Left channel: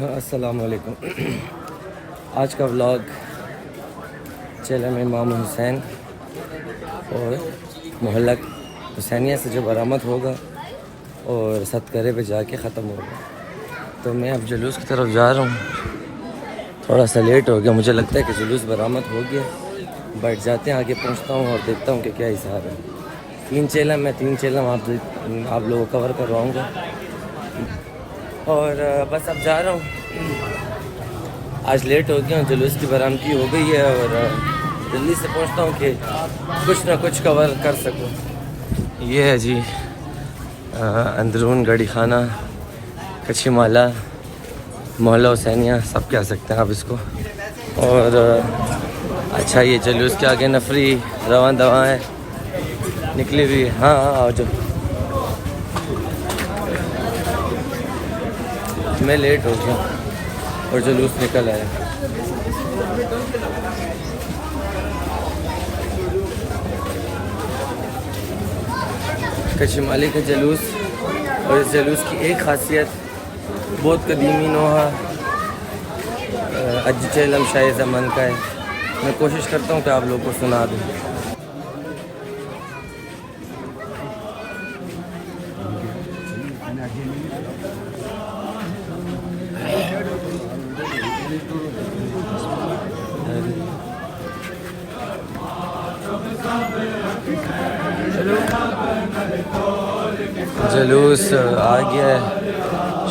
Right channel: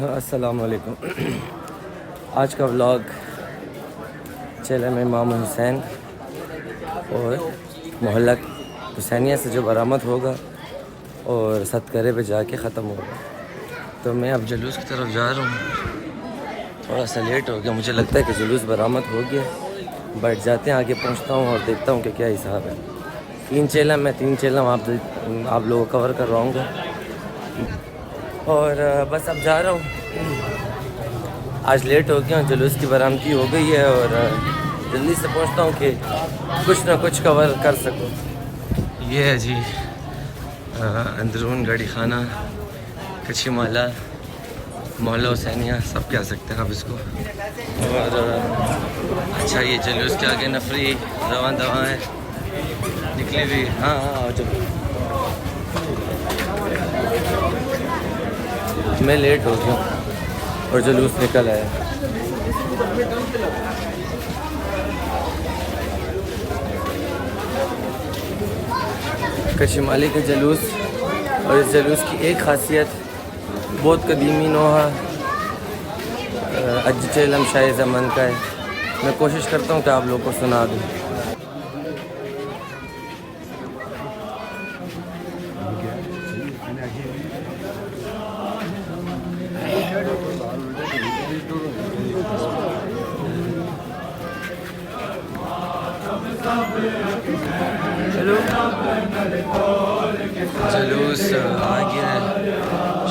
السلام علیکم. آج کا ولاگ چیلن امام حسین اور محلہ حسینیہ سے جو برآمد ہوگا اور ستکرے پہ جا کے ختم ہوگا. تو میں اب جلوس کی طرف جا رہا ہوں. تھوڑا سا لیٹ ہو گیا, مجھے لگتا ہے کہ جلوس برآمد ہو گیا. بیٹھ جاتے ہیں, آگے پہنچتا ہوں اور دیکھتا ہوں کہ کیا حساب ہے. 3 چیلم میں 3 چیلم آپ لوگوں کو کور کرواؤں گا. اور بس اب جا رہا ہوں. آج لیٹ ہو گیا ہوں, جلوس کی برآمدی ہو گئی ہے اور جلدی سے پہنچتا ہوں کہ کچھ نہ کچھ کور کر سکوں. یہ ہے جی اندرون گڑی خانہ کچھی مالا محلہ حسینیہ سب کہہ سکتے ہیں آپ اس کو. اور اچھا یہ جلوس کے آگے نفری رواں دواں ہے نکلی ہوئی. ہاں آؤ جب میں لیٹ ہو گیا اور جلوس نکل آیا. کشمالی کا جلوس, اور اس جلوس کی ایک خاصیت بہت قدیمی نوحہ اج چیلم شاہ زمن کا ہے. میں کوشش کرتا ہوں کہ آپ لوگوں کو سنا دوں. جلوس آ گیا ہے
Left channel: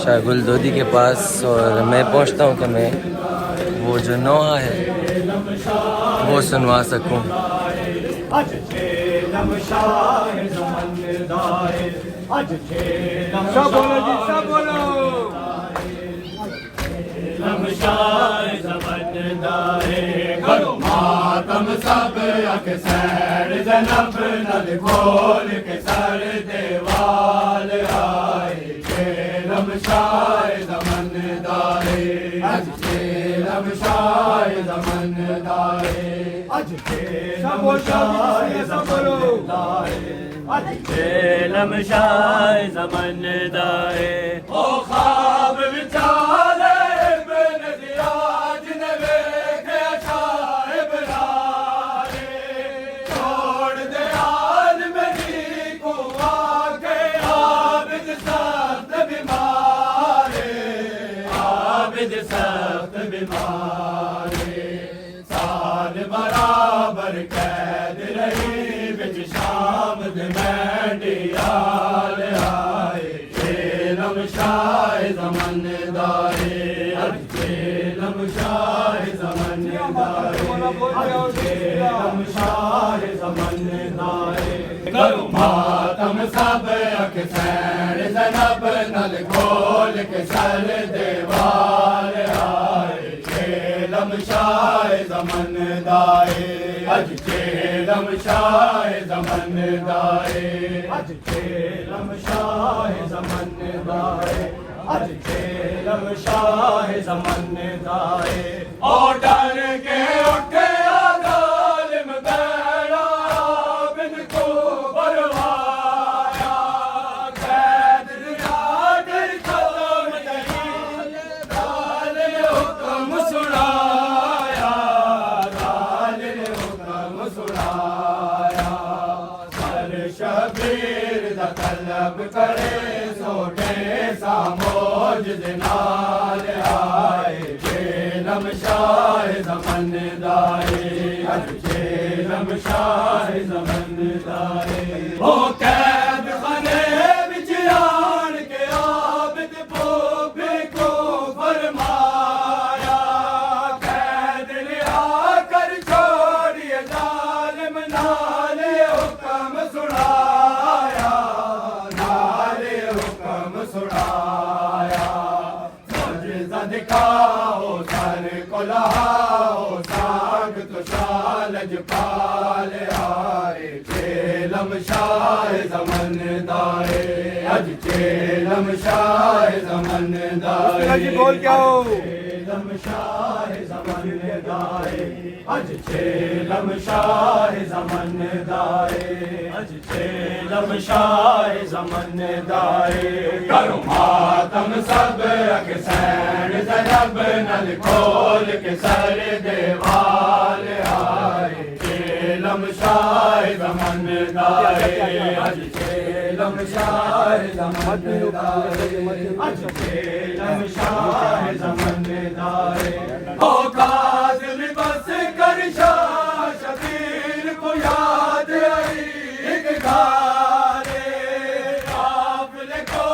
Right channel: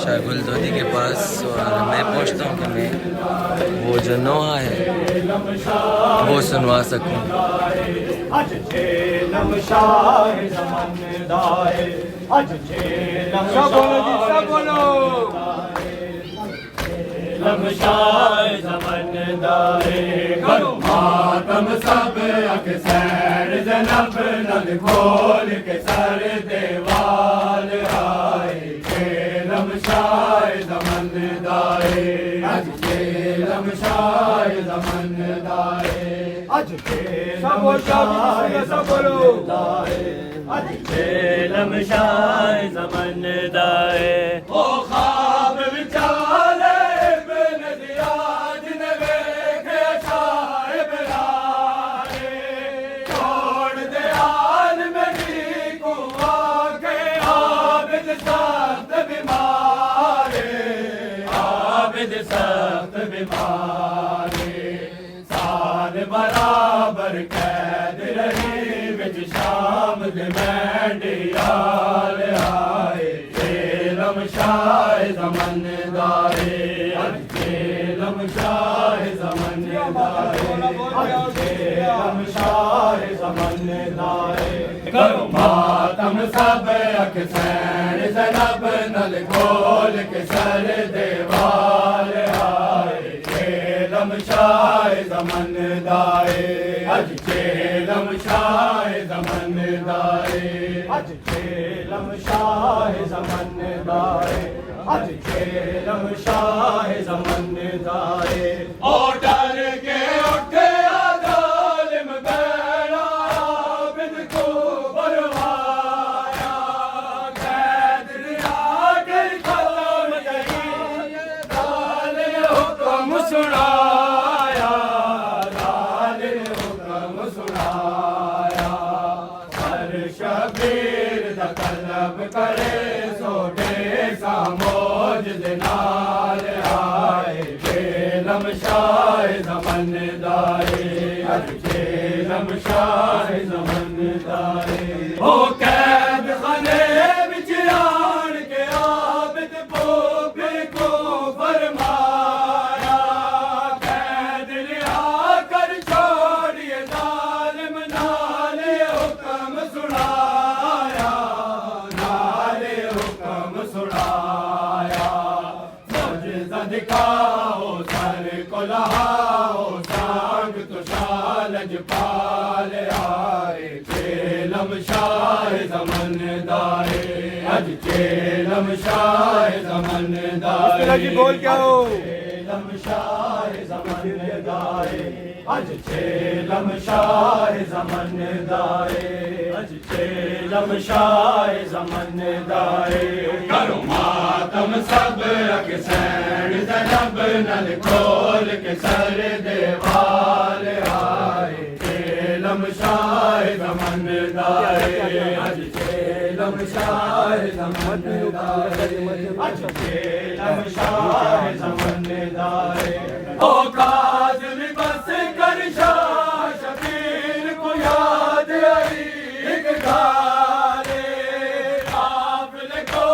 شاہ گل دودی کے پاس, اور میں پہنچتا ہوں کہ میں وہ جو نوحہ ہے وہ سنوا سکوں. ماتم سب اکثر جنب نل کھول کے سر دیوال آئے. چیلم شاہ زمن دائے اج چیلم شاہ زمن دائے اج چیلم شاہ زمن دائے اج چیلم شاہ زمن دائے. او خواب بچارے بن دیاج نے ویکھے شاہ بلارے. چھوڑ دے آل میری کو آکے عابد سخت بیمارے. عابد سخت بیمارے. سال برابر قید رہی وچ شام دے مینڈیال آئے. چیلم شاہ زمن دائے اج چیلم شاہ زمن دائے چیلم شاہ زمن دائے. کرو ماتم سب اکثر زنب نل کھول کے سر دیوال آئے. چیلم شاہ زمن دائے اج چیلم شاہ زمن دائے اج چیلم شاہ زمن دائے اج چیلم شاہ زمن دائے. او ڈر کے اٹھے ظالم بینا عابد کو بروایا. قید رہا کر کھول دئی ظالم حکم سنایا. ظالم حکم سنایا. ہر شبیر دا طلب کرے سوٹے ساموج دنال آئے. چیلم شاہ زمن دائے اج چیلم شاہ زمن دائے. او قید خانے وچ آن کے عابد پوپے کو فرمایا. قید لیا کر چھوڑیے ظالم نال حکم سنایا. نال حکم سنایا. معجزہ دکھاؤ سر کو لہاؤ سانگ تو شالج پال آئے. چیلم شاہ زمن دائے اج چیلم شاہ زمن دائے. بول کیا ہو. چیلم شاہ زمن دائے اج چیلم شاہ زمن دائے اج چیلم شاہ زمن دائے کرو ماتم سب اکسین زنب نل کھول کے سر دیوال آئے چیلم شاہ زمن دائے اج چیلم شاہ زمن دائے اج چیلم شاہ زمن دائے او کاظم بس کر شاہ شبیر کو یاد آئی ایک گارے قافلے کو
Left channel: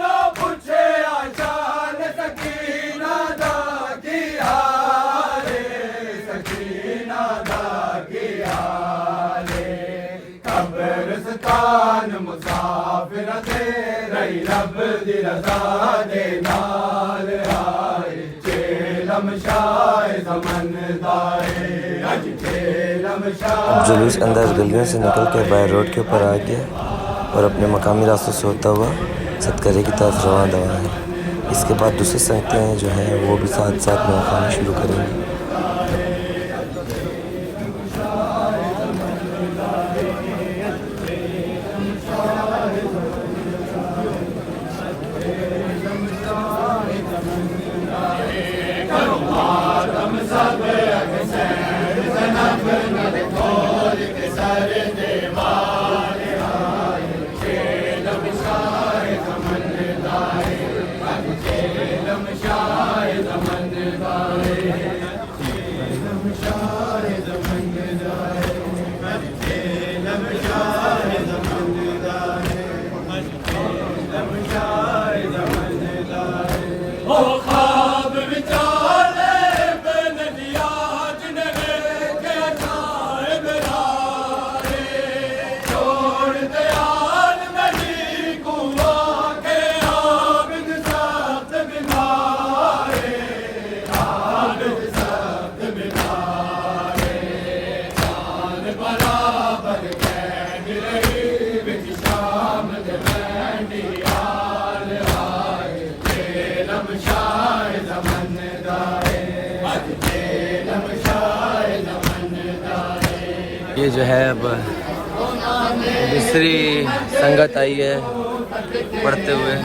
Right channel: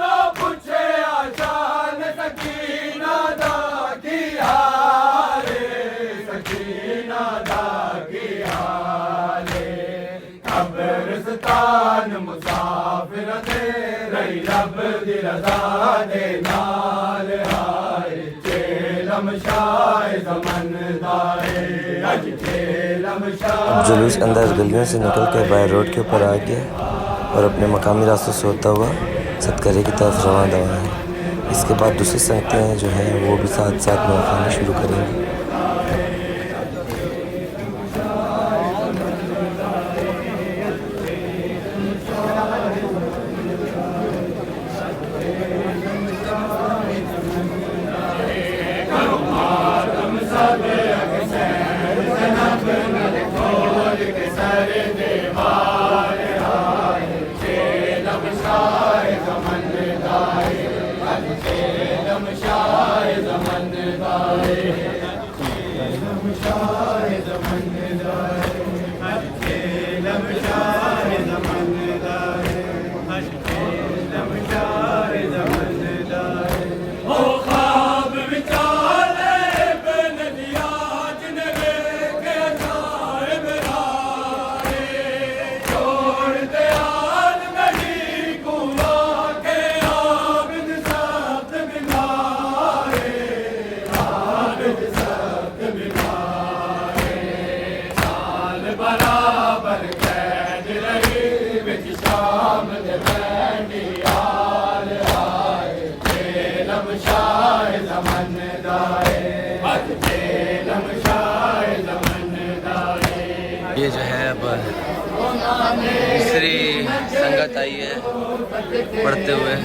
نہ پوچھے آشان سکینہ دا کی حالے سکینہ دا کی حالے قبرستان مسافر دے رہی رب دی رضا دے نال آئے چیلم شاہ زمن دائے اج چیلم شاہ جلوس اندر گلیوں سے نکل کے بائی روڈ کے اوپر آ گیا اور اپنے مقامی راستوں سے ہوتا ہوا صدقرے کی طرف رواں دواں ہے. اس کے بعد دوسری سنگتیں جو ہیں وہ بھی ساتھ ساتھ نوخانی شروع کریں گی. یہ جو ہے اب دوسری سنگت آئی ہے پڑھتے ہوئے.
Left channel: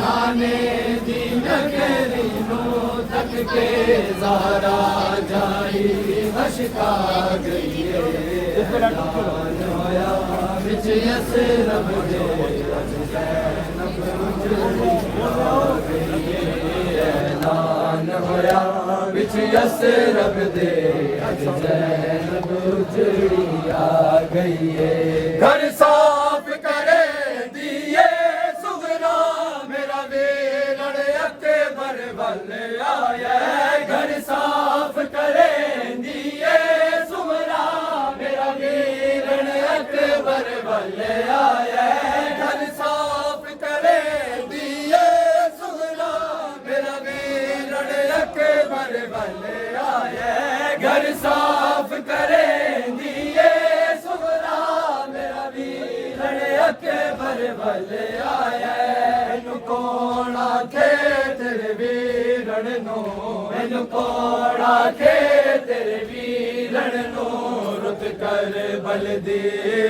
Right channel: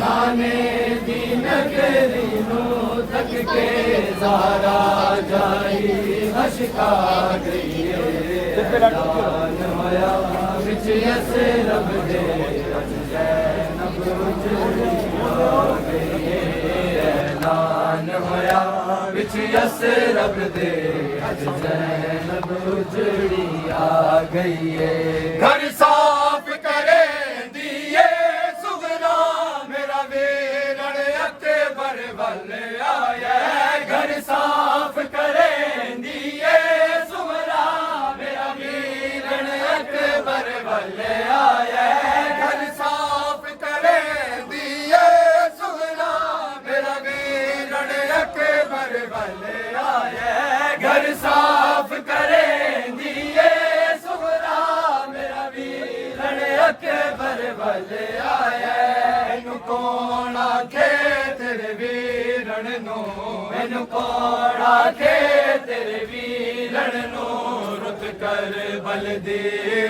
رب دے اج زینب اجڑی آ گئی ہے گھر صاف کرے دیے سغرا میرا ویلڑ اکبر ول آیا گھر صاف کرے دیے سغرا میرا ویلڑ اکبر ول آیا گھر صاف کرے دیے سغرا میرا ویلڑ اکبر ول آیا گھر صاف کرے دیے سغرا میرا ویلڑ اکبر ول آیا اینو کون آکھے تیرے ویلڑ نو اینو کون آکھے تیرے ویلڑ نو رت کر بل دی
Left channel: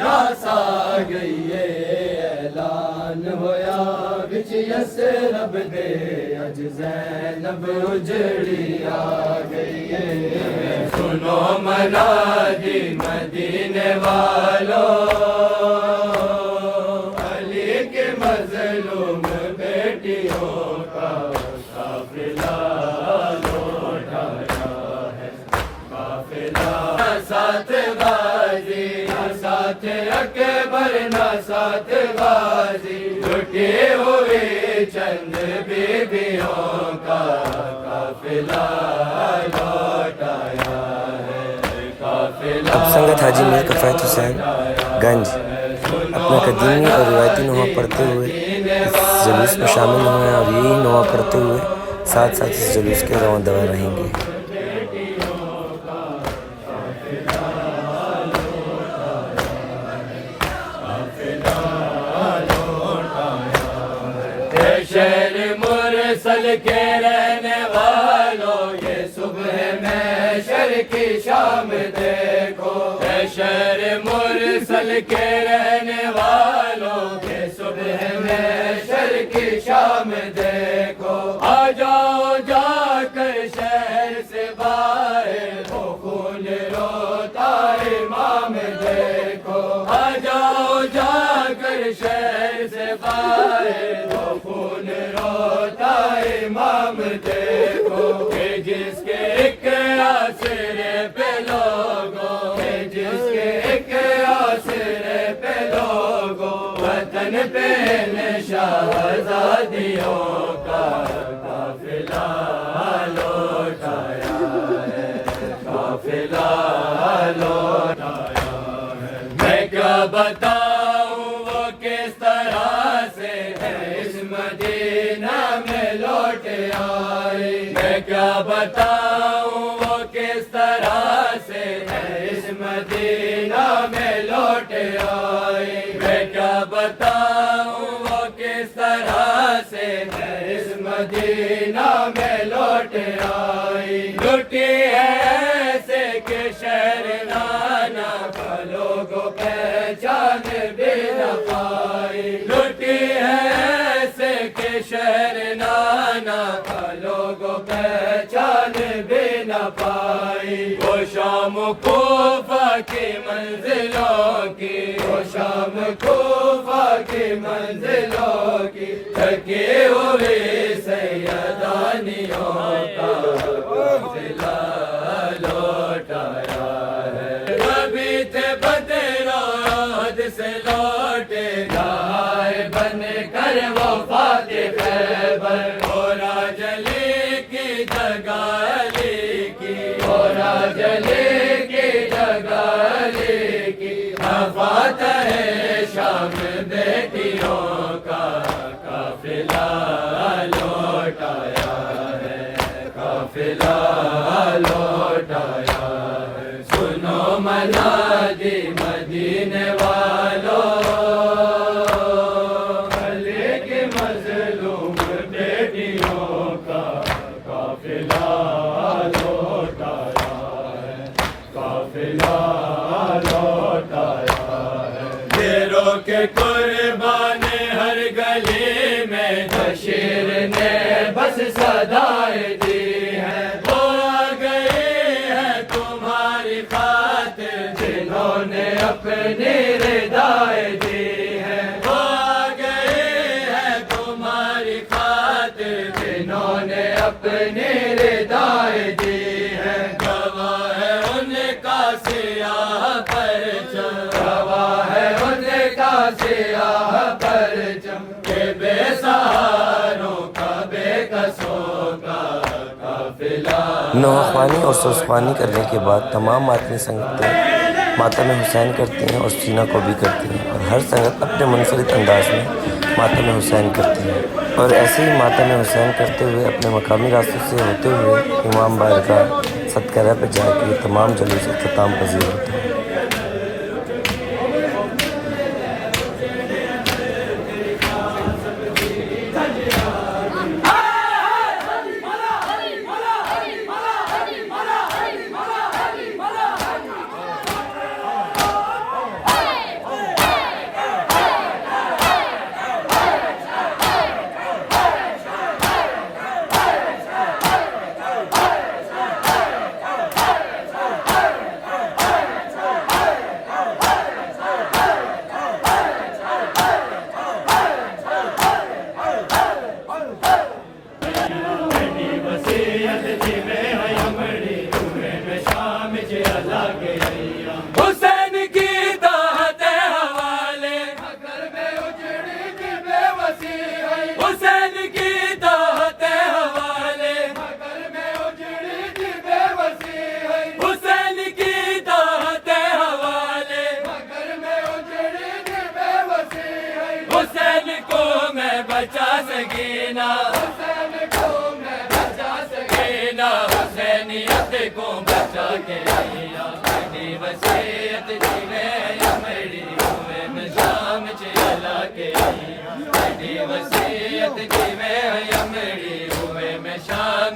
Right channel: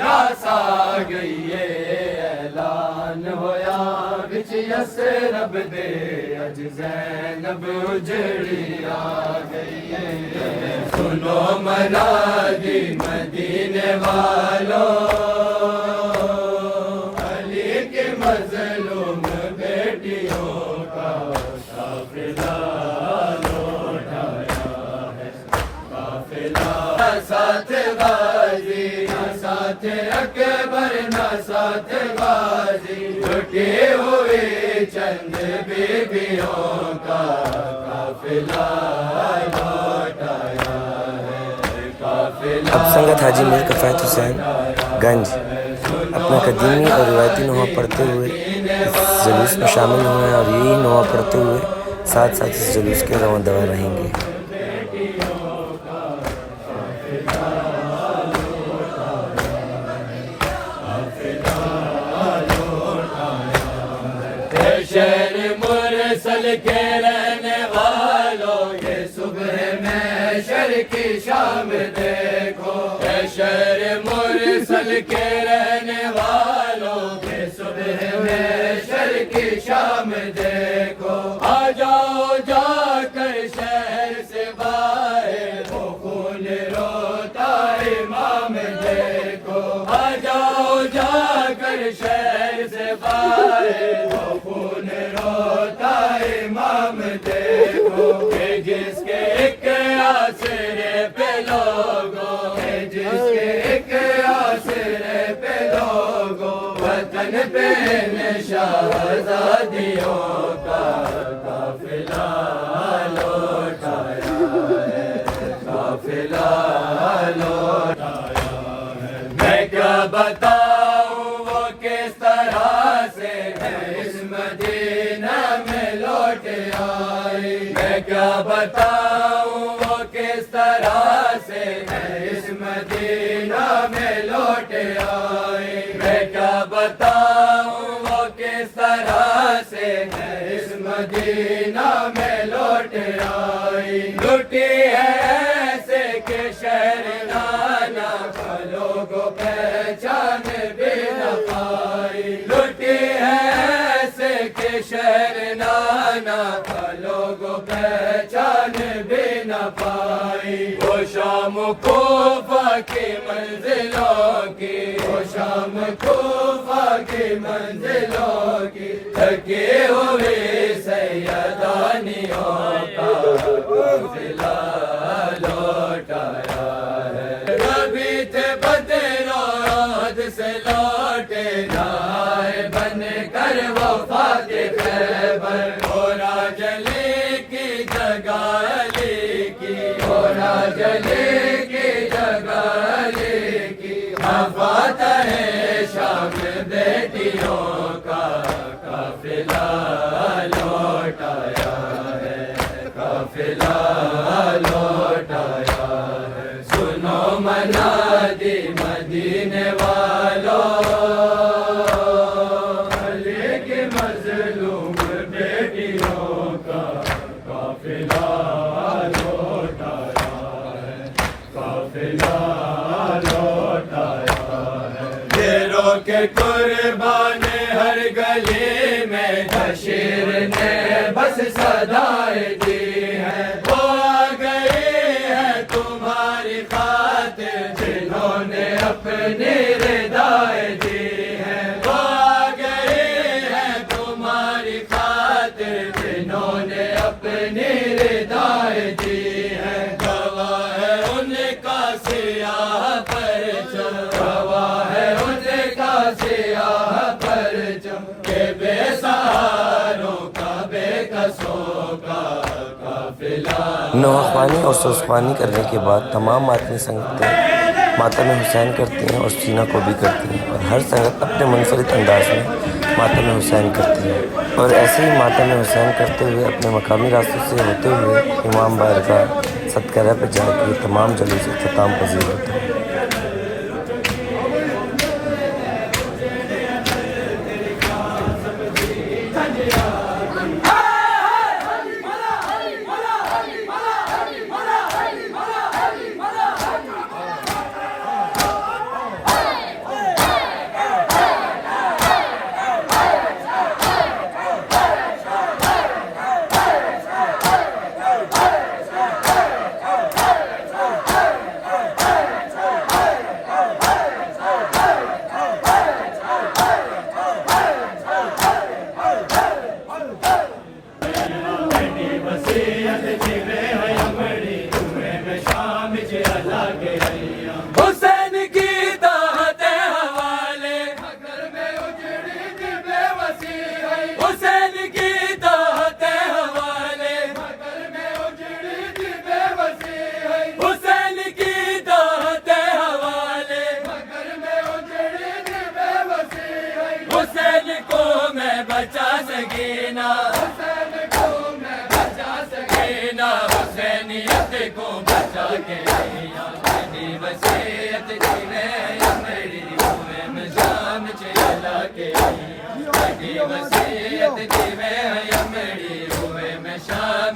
راس آ گئی ہے اعلان ہویا وچ یسرب دے اج زینب اجڑی آ گئی ہے سنو منادی مدینے والوں علی کے مظلوم بیٹیوں کا قافلہ لوٹایا ہے قافلہ ساتھ غازی ساتھ اکبر نہ ساتھ غازی لٹی ہوئی چند بیبیوں کا قافلہ لوٹایا ہے قافلہ. اب سنگت حاجی میر کفایت حسین گنج اپنا قدیمی اور روایتی نوحہ پڑھتے ہوئے اس جلوس میں شامل ہوئے ہیں اور یہی نوحہ پڑھتے ہوئے ساتھ ساتھ اس جلوس کے رواں دواں رہیں گے. شہر مرسل کے رہنے والوں یہ صبح میں شر کی شام دیکھو، اے شہر مرسل کے رہنے والوں، یہ صبح محشر کی شام دیکھو، آ جاؤ جا کر شہر سے باہر، وہ خون روتا امام دیکھو، آ جاؤ جا کر شہر سے باہر، وہ خون روتا امام دیکھو، کہ جس کے ایک آسرے پہ لوگوں، کہ جس کے ایک آسرے پہ لوگوں، وطن پہ شہزادیوں کا قافلہ لوٹایا ہے، قافلہ لوٹایا ہے۔ میں کیا بتاؤں وہ کس طرح سے اس مدینہ میں لوٹ آئی، میں کیا بتاؤں وہ کس طرح سے اس مدینہ میں لوٹ آئی، میں کیا بتاؤں وہ کس طرح سے اس مدینہ میں لوٹ آئی، لٹی ہے ایسے کہ شہر نانا کا لوگوں پہچان بھی نہ پائی، لٹی ہے ایسے کہ شہر نانا کا لوگوں پہچان بھی نہ پائی، وہ شام کوفہ کی منزلوں کی، وہ شام کوفہ کی منزلوں کی، تھکی ہوئی سیدانیوں کا قافلہ لوٹایا ہے، کبھی تھے بدر عہد سے لوٹے گائے بن کر وفا کے خیبر، گورا جلی کی جگہ علی کی، گورا جلی کی جگہ علی کی، فاتح ہے شام بیٹیوں کا قافلہ لوٹایا ہے، قافلہ لوٹایا ہے، سنو منادی مدینے والوں، علی کی مظلوم بیٹیوں کا قافلہ لوٹایا ہے، قافلہ لوٹایا ہے، گھیروں کے قربان ہر گلی میں بشیر نے بس صدائیں دی ہیں، وہ آ گئی ہے تمہاری خاطر جنہوں نے اپنی ردائیں دی ہیں، وہ آ گئی ہے تمہاری خاطر جنہوں نے اپنی ردائیں دی ہیں، گواہ ہے ان کا سیاہ پرچم، گواہ ہے ان کا سیاہ پرچم، کہ بے سہاروں کا بے قصوں کا قافلہ۔ نوحہ خوانی اور سوز خوانی کرنے کے بعد تمام ماتمی سنگتیں ماتم حسین کرتی ہیں اور سینہ کو بھی کرتی ہیں، اور ہر سنگت اپنے منفرد انداز میں ماتم حسین کرتی ہے، اور ایسے ہی ماتم حسین کرتے ہوئے اپنے مقامی راستوں سے ہوتے ہوئے امام بارگاہ صدقرہ پہ جا کے تمام جلوس اختتام پذیر ہوتے ہیں۔ حسین کی دعوت حوالے، حسین کی دعوت حوالے، حسین کی دعوت حوالے، حسین کو میں بچا سکینہ، حسینیت کو بچا کے آئینا، میری وصیت تیرے یا میری ہوئے میں شام چلا کے آئینا، میری وصیت تیرے یا میری ہوئے میں شام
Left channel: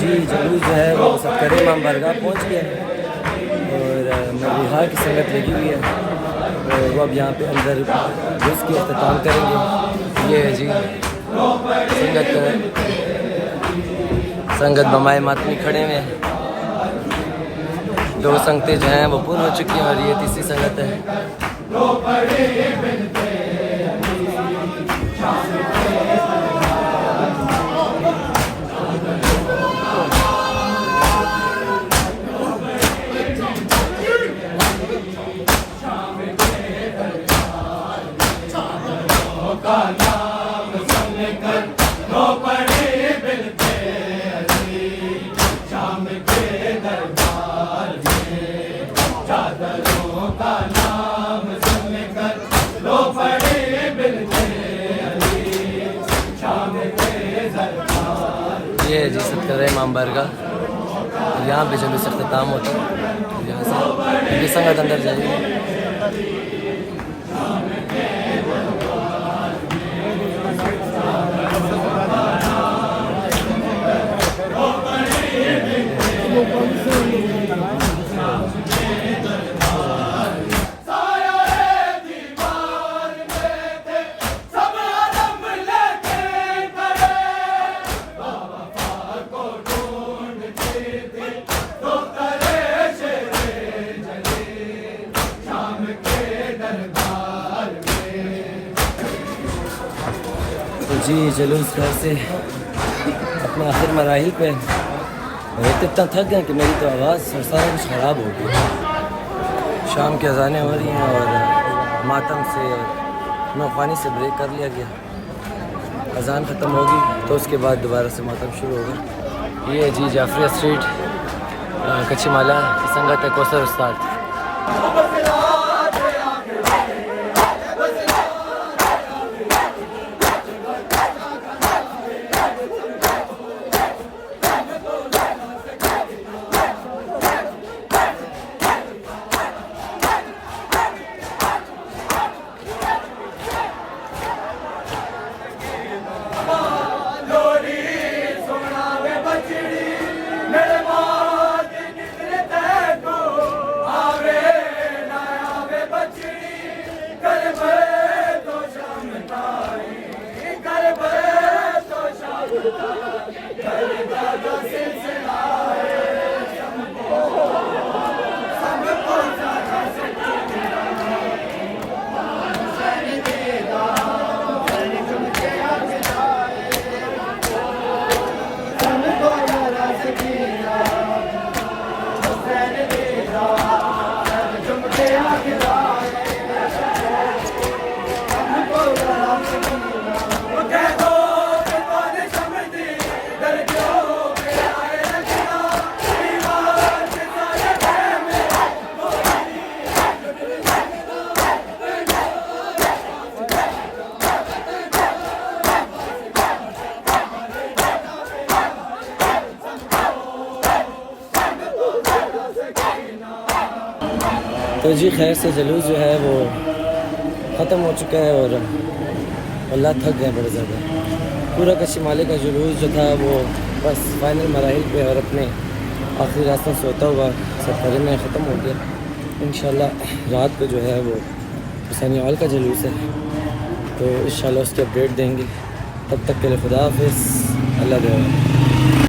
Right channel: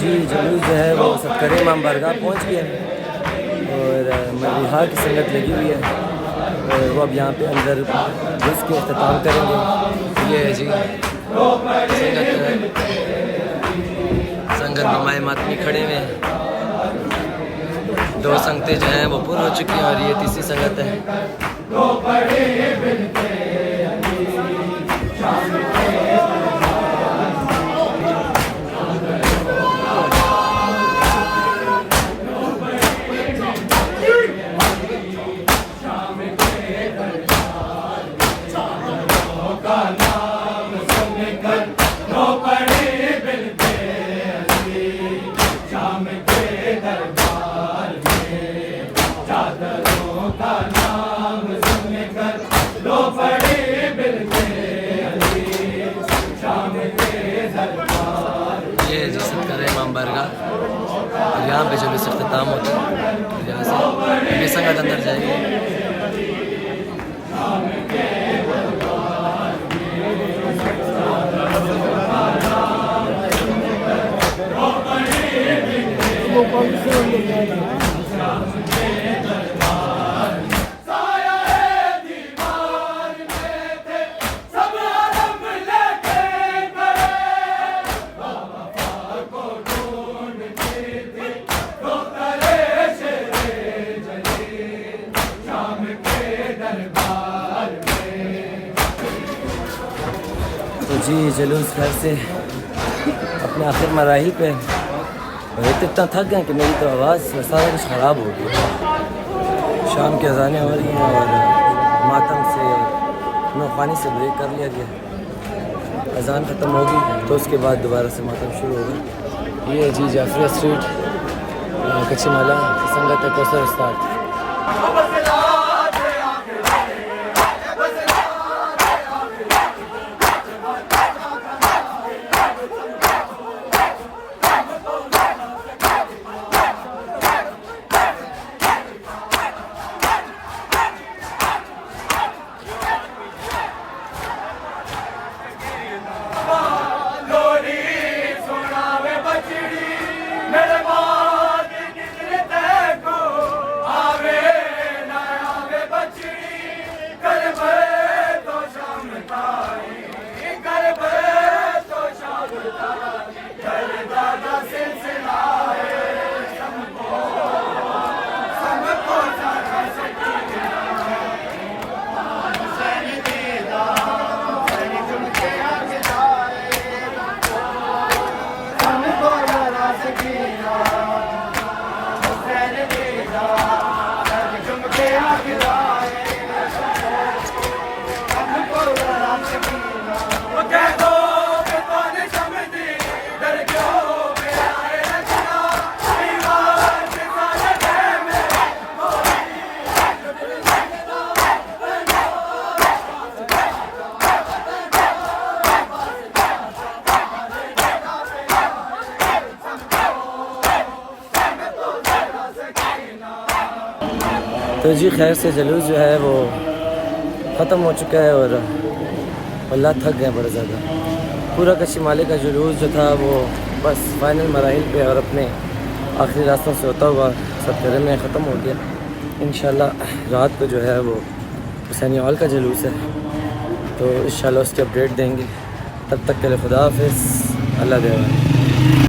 جی جلوس جو ہے وہ سکر امام بارگاہ پہنچ گیا ہے اور مریحا کی سنگت لگی ہوئی ہے اور وہ اب یہاں پہ اندر گھس کے اختتام کریں گے. یہ ہے جی سنگت بمائے ماتمی کھڑے ہوئے ہیں. 2 سنگتیں جو ہیں وہ پور ہو چکی ہیں اور یہ تیسری سنگت ہے. یہ ہے جی سکر امام بارگاہ اور یہاں پہ جلوس اختتام ہوتا ہے. یہاں سے یہ سنگت اندر جائے گی. تو جی جلوس گھر سے اپنے آخر مراحل پہ اور اتنا تھک گئے کہ میری تو آواز اور سارا کچھ خراب ہو گیا. شام کی اذانیں ہو رہی ہیں اور ماتم سے اور نوخوانی سے بریک کر لیا گیا. اذان ختم ہوگی تو اس کے بعد دوبارہ سے ماتم شروع ہوگا. یہ ہے جی جعفریہ اسٹریٹ کچی مالا کی سنگت ہے کوثر استاد. تو جی خیر سے جلوس جو ہے وہ ختم ہو چکا ہے اور اللہ تھک گئے بڑا زیادہ. پورا کچی مالے کا جلوس جو تھا وہ بس فائنل مراحل پہ اور اپنے آخری راستوں سے ہوتا ہوا سکر میں ختم ہو گیا. انشاءاللہ رات کو جو ہے وہ حسینی ہال کا جلوس ہے تو انشاءاللہ اس کی اپڈیٹ دیں گے. تب تک کے لیے خدا حافظ. اللہ دے.